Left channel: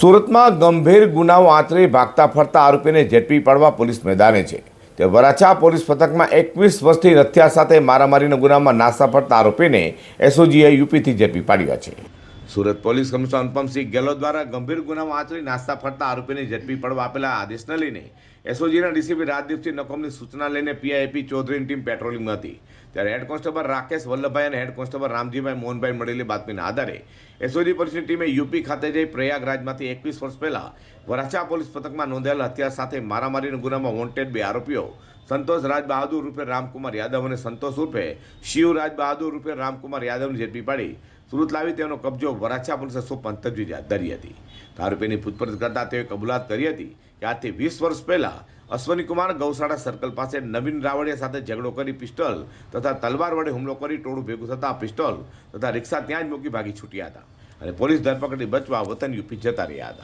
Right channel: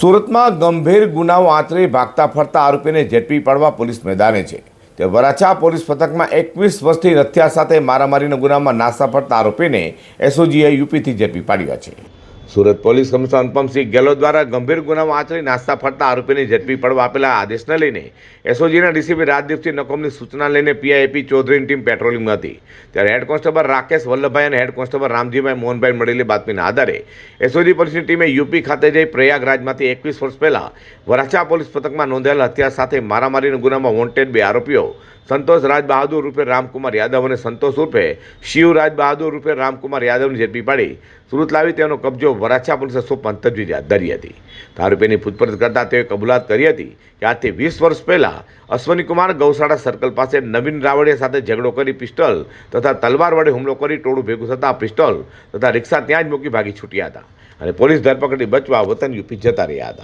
સુરતમાં ગંભીર ગુનાઓ આચરી ભાગતા ફરતા આરોપીને ઝડપી પાડવા પોલીસ મેદાને છે। તે વરાછા પોલીસ પથકમાં 21 વર્ષથી હત્યા સાથે મારામારીના ગુનામાં નાસા ફરતા આરોપીને એસઓજીએ યુપીથી ઝડપી પાડ્યા છે। સુરત પોલીસ કમિશનર અનુપમસિંહ ગેહલોત દ્વારા ગંભીર ગુનાઓ આચરી નાસ્તા ફરતા આરોપીને ઝડપી પાડવા આપેલા આદેશને લઈને એસઓજીના ડીસીપી રાજદીપસિંહ નકોમની સૂચના લઈને પીઆઈપી ચૌધરીની ટીમ પેટ્રોલિંગમાં હતી। ત્યારે હેડ કોન્સ્ટેબલ રાકેશ વલ્લભભાઈ અને હેડ કોન્સ્ટેબલ રામજીભાઈ મોહનભાઈ મળેલી બાતમીના આધારે એસઓજી પોલીસની ટીમે યુપી ખાતે જઈ પ્રયાગરાજમાંથી 21 વર્ષ પહેલા વરાછા પોલીસ પથકમાં નોંધાયેલ હત્યા સાથે મારામારીના ગુનામાં વોન્ટેડ બે આરોપીઓ સંતોષ રાજ બહાદુર રૂપે રામકુમાર યાદવ અને સંતોષ ઉર્ફે શિવ રાજ બહાદુર રૂપે રામકુમાર યાદવને ઝડપી પાડી સુરત લાવી તેનો કબજો વરાછા પોલીસે સોંપવાની તજવીજ હાથ ધરી હતી। આરોપીની પૂછપરછ કરતા તેઓએ કબૂલાત કરી હતી કે આજથી 20 વર્ષ પહેલા અશ્વનીકુમાર ગૌશાળા સર્કલ પાસે નવીન રાવડિયા સાથે ઝઘડો કરી પિસ્તોલ તથા તલવાર વડે હુમલો કરી ટોળું ભેગું થતાં પિસ્તોલ તથા રિક્ષા ત્યાં જ મૂકી ભાગી છૂટ્યા હતા અને પોલીસ ધરપકડથી બચવા વતન યુપી જતા રહ્યા હતા।